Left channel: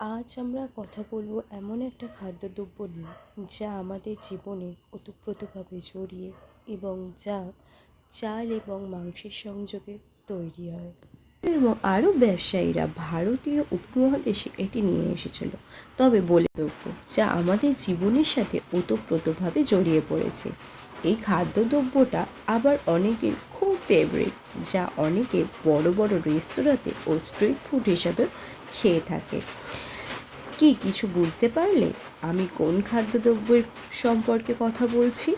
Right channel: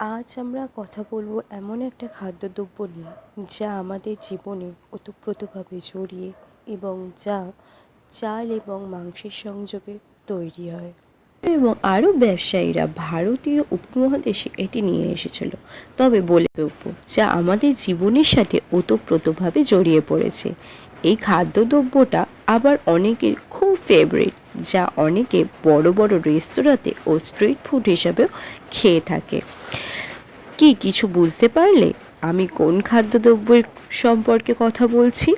আজ আমরা কথা বলব এমন একটা খাদ্যদ্রব্য নিয়ে যা আমাদের জীবনে ওতপ্রোতভাবে জড়িয়ে এবং যা চাল এবং মাংসের সংযোগে তৈরি হয়। এবং আরও ব্যবসায়ীরা ভারতীয় উপমহাদেশে এটি নিয়ে এসেছিল। তবে বলে দ্রব্য যা আমাদের জীবনের সাথে ওতপ্রোতভাবে জড়িয়ে পড়েছে। এই খাদ্যদ্রব্যটা আবার অনেকের খুব ফেভারিট যা অনেকে বড় বড় রেস্তোরাঁতে ও স্ট্রিট ফুড হিসাবেও খেয়ে থাকে। কি কিছু বুঝতে পারলে আমি কোন খাদ্যদ্রব্যের সম্পর্কে কথা বলছি?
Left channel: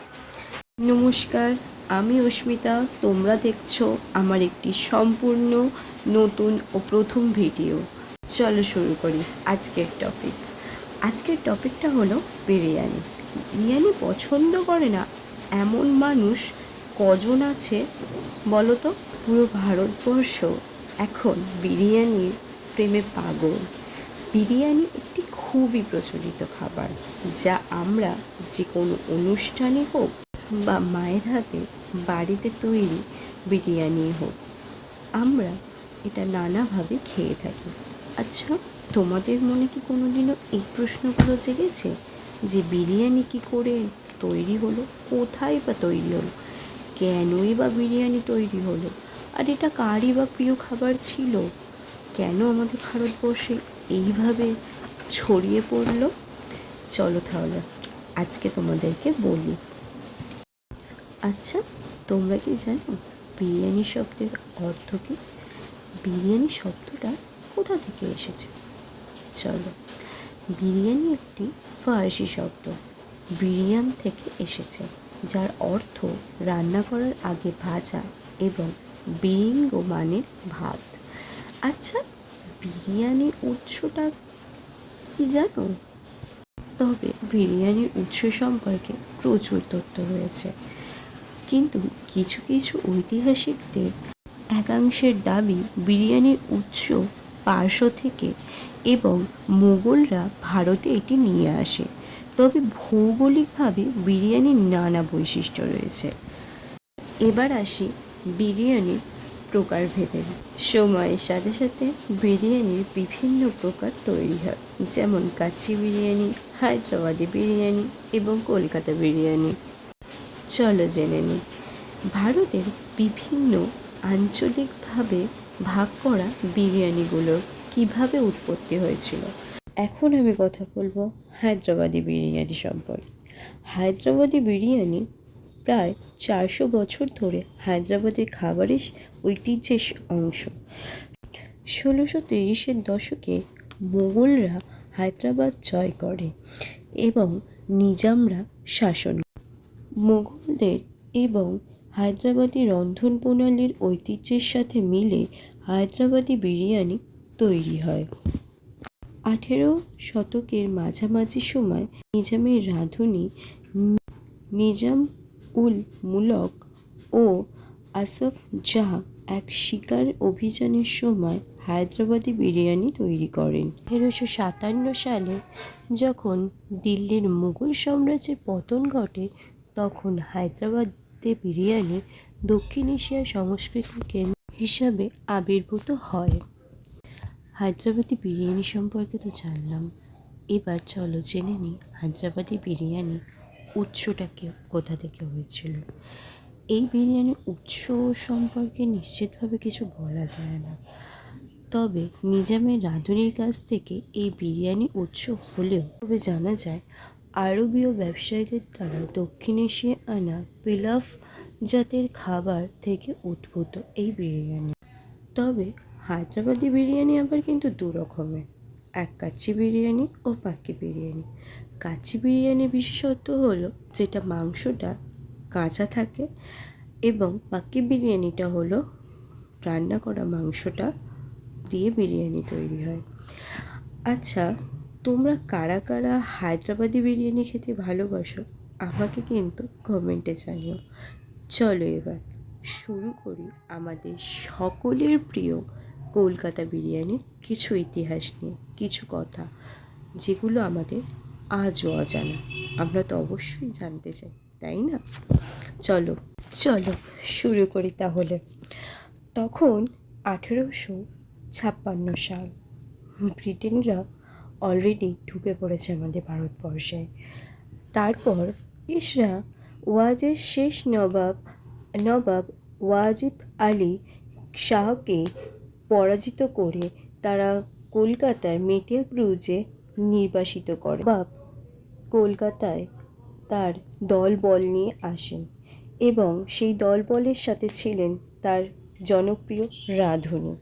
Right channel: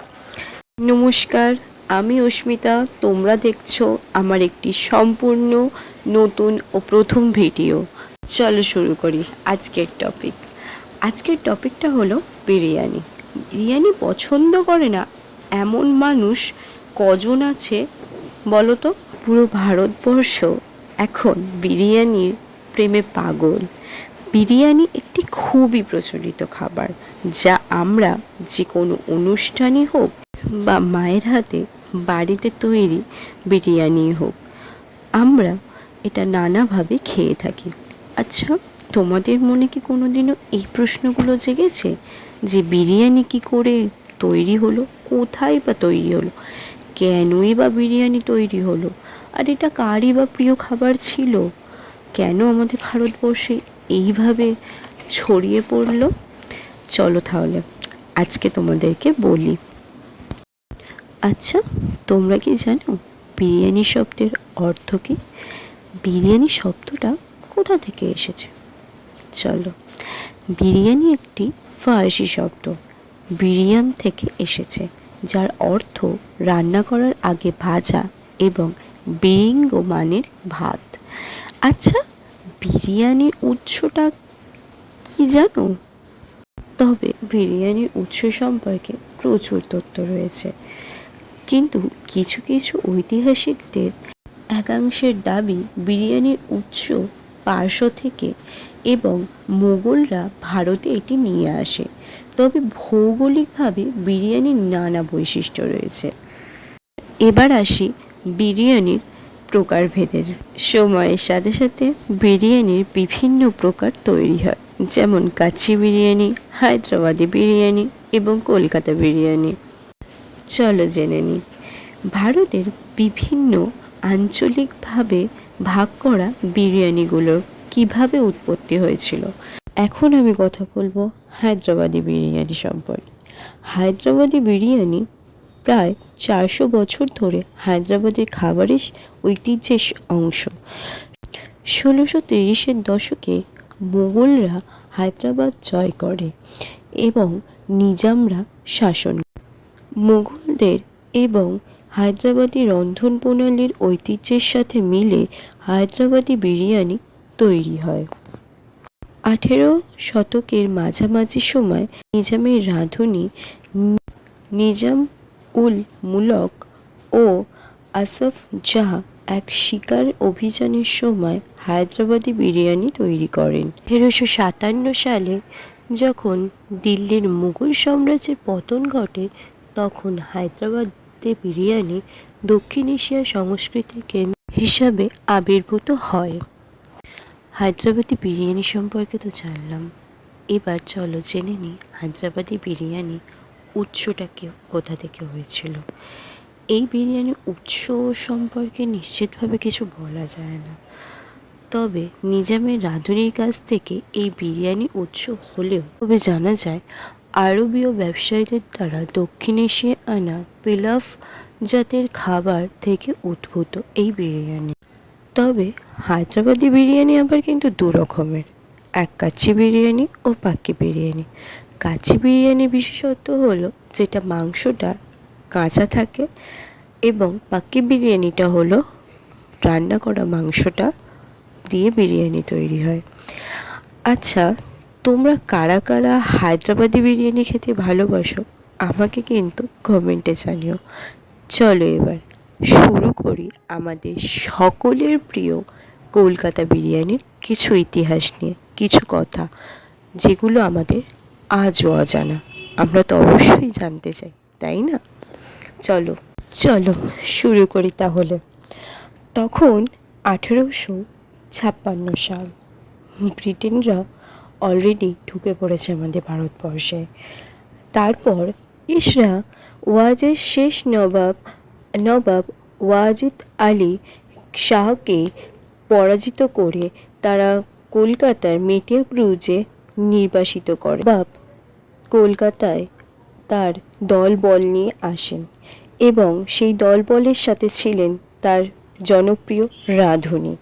নমস্কার, আমি অস্মিতা। তোমরা দেখছ আমার একটি সম্পূর্ণ, নতুন ও প্রথম ভিডিও। চলো শুরু করি আজকের টপিক আজকের টপিকটা হলো বিরিয়ানি। বিরিয়ানি পছন্দ করে না এমন মানুষ কজন আছে বলো তো পুরো ভারতবর্ষ এখন বিরিয়ানির প্রেমে পাগল। বিরিয়ানি একটি খুবই প্রচলিত খাবার, যা আমরা যে কোনো অনুষ্ঠানই হোক বা মায়ের হাতে বাড়িতে তৈরি বিরিয়ানি হোক, আমরা এটা নানাভাবে খেয়ে থাকি। আচ্ছা তোমাদের মনে কি কোনোদিনও এই প্রশ্নগুলো জেগেছে? যে বিরিয়ানি কি করে তৈরি হলো? কোথায় বা তৈরি হলো? কেনই বা বিরিয়ানি তৈরি হলো? আর এটা কারই বা প্রিয় খাবার ছিল? কেন আমাদের ভারতবর্ষে এইভাবে ছড়িয়ে পড়ল। চলো তাহলে আজকে তোমাদেরকে বলি। আচ্ছা তোমরা কি জানো বিরিয়ানি শব্দের অর্থ কী? বিরিয়ানি শব্দটা কোথা থেকে এসেছে? চলো, বিরিয়ানি একটি ফার্সি শব্দ। বিরিয়াম থেকে এসেছে, যার অর্থ রান্না করার আগে ভাজা এবং বিরিঙ্গ মানের ভাত। আচ্ছা বিরিয়ানির উৎসটা কি জানো? তবে বিরিয়ানির উৎস সম্পর্কে প্রচুর তথ্য রয়েছে। কিন্তু কিছু কিছু ঐতিহাসিকদের একাংশের দাবি বিরিয়ানির উৎস পার্শ্ব থেকে এবং মোগলরা ভারতে এটি নিয়ে আসে। তবে ভৌগোলিকভাবে বিরিয়ানির নানা বৈশিষ্ট্য রয়েছে। এবার আসি বিরিয়ানির প্রকারভেদের। সময়ের সাথে সাথে বিরিয়ানির বিভিন্ন প্রকার তৈরি হয়। যেমন কাচ্চি বিরিয়ানি, হায়দ্রাবাদি বিরিয়ানি এবং কলকাতা বিরিয়ানি। চলো জেনে নিই ভারতের বিভিন্ন আঞ্চলিকভাবে ভাগ করা বিরিয়ানিগুলোর কীভাবে উৎপত্তি হয়েছিল? এখন আমি কথা বলব হায়দ্রাবাদি বিরিয়ানি সম্পর্কে। হায়দ্রাবাদি বিরিয়ানি প্রায় চারশো বছর ধরে হায়দ্রাবাদের খাবারের ঐতিহ্যের অংশ। ষোলোশো তিরিশের দশকে মোগলরা হায়দ্রাবাদ জয় করে এবং নিজামরা শাসন মুঘলদের এবং হায়দ্রাবাদি রন্ধন প্রণালীর ঐতিহ্যের সাথে মিলে হায়দ্রাবাদি বিরিয়ানি তৈরি হয়। আঠেরো শতকের মাঝামাঝি সময় নিজামের রাঁধুনি নিজাম উল মুলক ও আসফ জাহ এক শিকার অভিযানের সময় হায়দ্রাবাদি বিরিয়ানি তৈরি করেন। তেরোশো সাতান্ন সালে যখন দিল্লির মুঘল সাম্রাজ্যের পতন ঘটে, তখন হায়দ্রাবাদে বিরিয়ানি দক্ষিণ এশিয়ার সংস্কৃতির কেন্দ্র হিসাবে আবির্ভূত হয়। হায়দ্রাবাদি বিরিয়ানি সম্পর্কে তো জানলাম। এবার চলো জেনে নিই হায়দ্রাবাদি বিরিয়ানি উৎসটা কে, কোথা থেকে হয়েছিল। এই বিরিয়ানির উৎস সম্পর্কে নিশ্চিতভাবে কিছু বলা যায় না। তবে নিজামের রাঁধুনির কাছ থেকে এই বিরিয়ানির উৎস হলেও তবে জানা যায়, আরবীয় ব্যবসায়ীদের দ্বারা দক্ষিণ এশিয়ায় আনা পিলাফ জাতের খাবার থেকে উদ্ভূত এই বিরিয়ানি। তবে হায়দ্রাবাদি বিরিয়ানি আবার কিন্তু দু রকমের এক কাচ্চি বিরিয়ানি ও পাক্কি বিরিয়ানি। কাচ্চি বিরিয়ানি বিশেষত্ব হলো যেটা মাংসটা কাঁচা থাকে এবং পাক্কি বিরিয়ানিটা হলো রান্না করা মাংসটা দিয়ে বিরিয়ানি তৈরি হয়। আচ্ছা তোমরা কারা কারা হায়দ্রাবাদি বিরিয়ানি খেতে ভালোবাসো? আমাকে কিন্তু কমেন্টে জানিও। চলো এবার শুরু করি আমাদের সকলের প্রিয় কলকাতা বিরিয়ানির কিছু ইতিহাস নিয়ে, কিছু কথা, যেগুলো আমাদের আজও অজানা। আমরা তো অবশ্যই জানতে চাই, তাই না? চলো চলো শুরু করি তাহলে। তখন আঠেরোশো ছাপ্পান্ন সাল। ব্রিটেনরা অলরেডি ঢুকে পড়েছে আমাদের ভারতবর্ষে। তারপর ইসরা ওয়াজের শেষ নবাব নবাব ওয়াজিদ আলী শাহকে পরাজিত করে তারা কলকাতার মেটিয়া ব্রুজে নির্বাসিত করে। বাপ কলকাতায় তার দল বল নিয়ে আসেন এবং সেই দল বলের সাথে ছিলেন তার জনপ্রিয় রাঁধুনি।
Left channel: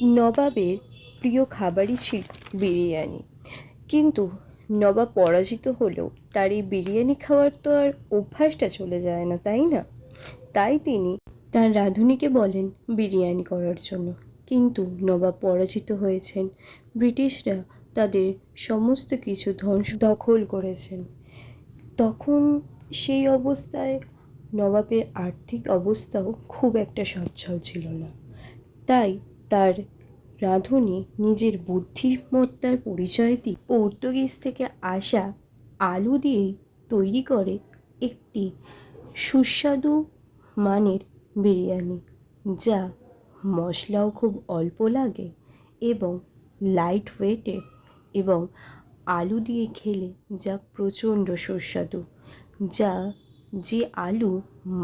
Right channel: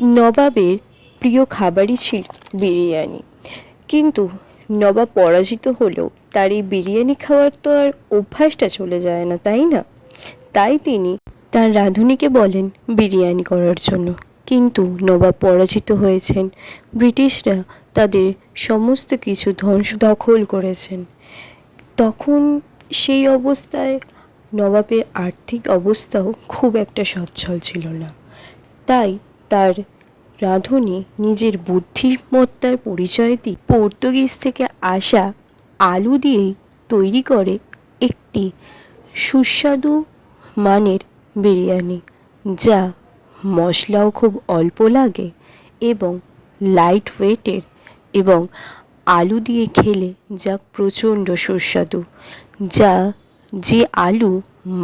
নবাবের প্রিয় খাবারই ছিল বিরিয়ানি। কিন্তু নবাব পরাজিত হলেও তার এই বিরিয়ানি খাওয়ার তো আর অভ্যাসটা চলে যায় না, তাই না? তাই তিনি তার রাঁধুনিকে বলেন বিরিয়ানি করার জন্য। কিন্তু নবাব পরাজিত হয়েছেন। ব্রিটিশরা তাদের সমস্ত কিছু ধ্বংস দখল করেছেন। তখন সেই অবস্থায় নবাবের আর্থিক অবস্থাও খুব একটা সচ্ছল ছিল না। তাই তার রাঁধুনি নিজের বুদ্ধিমত্তার পরিচয় দিয়ে পর্তুগিজ থেকে আসা আলু দিয়েই তৈরি করে একটি সুস্বাদু মানের বিরিয়ানি, যা মশলাও খুব অল্প লাগে এবং লাইট ওয়েটের এবং আলু দিয়ে খেলে যা প্রচণ্ড সুস্বাদু, যা যে আলু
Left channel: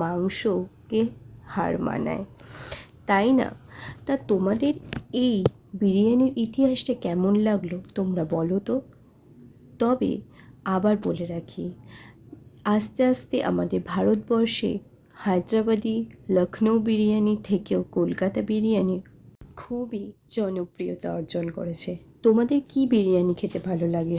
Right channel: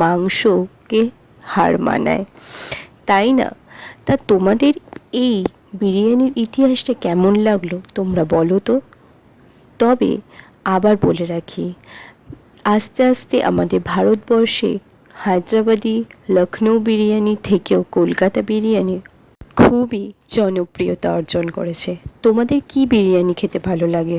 মাংসকে হার মানায়। তাই না? তা তোমাদের এই বিরিয়ানির ইতিহাসটা কেমন লাগল তোমরা বলো তো? তবে আবার বলে রাখি, আস্তে আস্তে আমাদের ভারতবর্ষে হায়দ্রাবাদি লখনৌ বিরিয়ানি থেকেও কলকাতা বিরিয়ানি খুবই জনপ্রিয়তা অর্জন করেছে। তোমাদের কি বিরিয়ানি খেতে ভালো লাগে?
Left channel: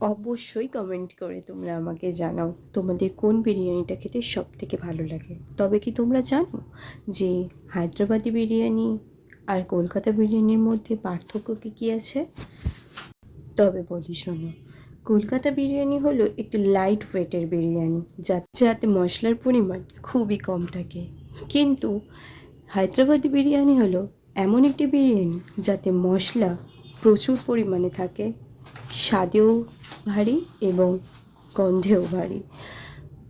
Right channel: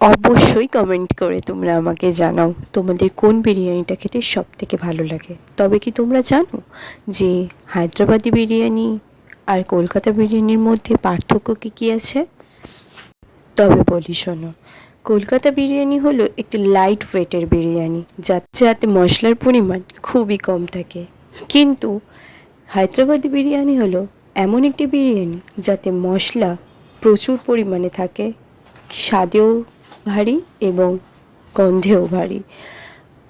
অবশ্যই কমেন্ট করে তোমরা আমাকে জানাও, তোমাদের কোন বিরিয়ানিটা খেতে সব থেকে ভালো লাগে। তবে কি তোমরা জানো যে হায়দ্রাবাদি বিরিয়ানি আর কলকাতা বিরিয়ানির মধ্যে পার্থক্য কী কী আছে? তবে বলি, শোনো। কলকাতা বিরিয়ানি হলো একটি লাইট ওয়েটের বিরিয়ানি যাতে মশলার পরিমাণ খুবই কম থাকে। কিন্তু হায়দ্রাবাদি বিরিয়ানি হলো এমন একটি বিরিয়ানি যাতে মশলা প্রচুর পরিমাণে থাকে, স্বাদেও ভারী এবং গন্ধেও ভারী।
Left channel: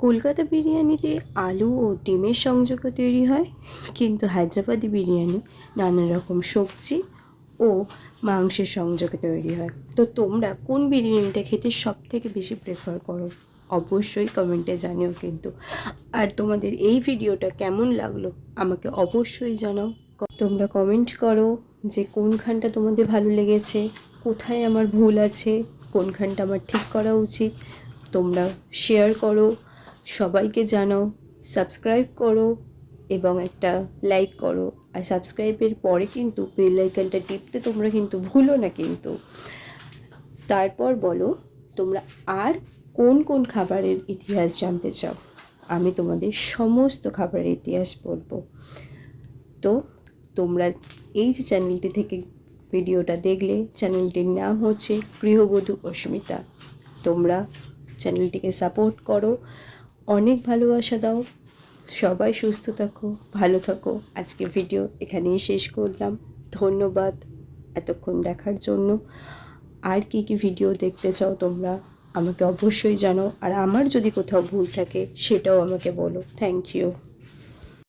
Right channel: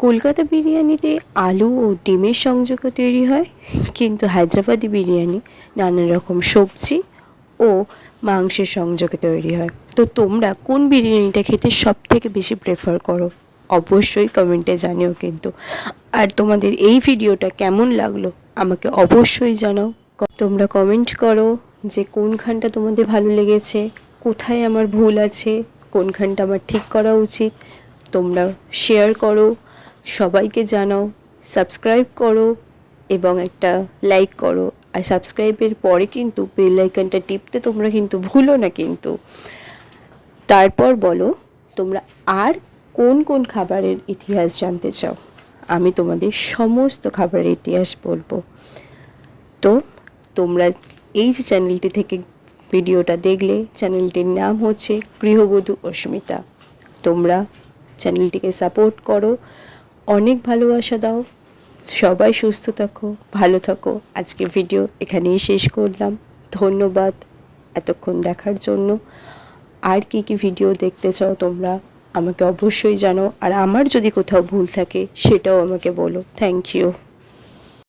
কলকাতা বিরিয়ানিতে আলু ও ডিমের সংযোগে তৈরি হয়, কিন্তু হায়দ্রাবাদি বিরিয়ানি নানা রকম সবজি ও মাংসের সংযোগে তৈরি হয়। তো তোমরা কোন বিরিয়ানিটা খেতে সব থেকে বেশি প্রেফার করো? অবশ্যই কমেন্টে জানিও কিন্তু। আর তোমাদের এই ভিডিওটা কেমন লাগল আমাকে অবশ্যই জানাও। তোমরা কমেন্ট করো যে কোনখানটা তোমাদের ভালো লেগেছে, কোথায় আমার ভুল আছে, কোনখানটা আমার ঠিক করা উচিত তোমরা শেয়ার করো। সবাইকে জানাও সাবস্ক্রাইব করো এবং একটা লাইক করো। আর সাবস্ক্রাইবের পরে কিন্তু বেল আইকনটা টিপতে তোমরা কিন্তু ভুলো না কিন্তু। তারপর বলো, তোমরা আর কোন কোন খাবারের ইতিহাস জানতে চাও? আমি তোমাদের সমস্ত খাবারের ইতিহাস বলব। তো, তোমরা এই যে চ্যানেলটি থেকে ভিডিওটা দেখলে চ্যানেলটির নাম হচ্ছে গৃহবধূ অস্মিতা। তোমরা চ্যানেলটিকে সাপোর্ট করো অনেক ভালোবাসা দাও। সবাই সুস্থ থাকো, ভালো থাকো। আজকে ভিডিও এখানেই শেষ করলাম। ধন্যবাদ এতক্ষণ দেখার জন্য। আর কি কি ভিডিও দেখতে চাও তোমরা আমাকে অবশ্যই জানো আর আমার যদি কোথাও ভুল থাকে সেটাও আমাকে বলো। Thank you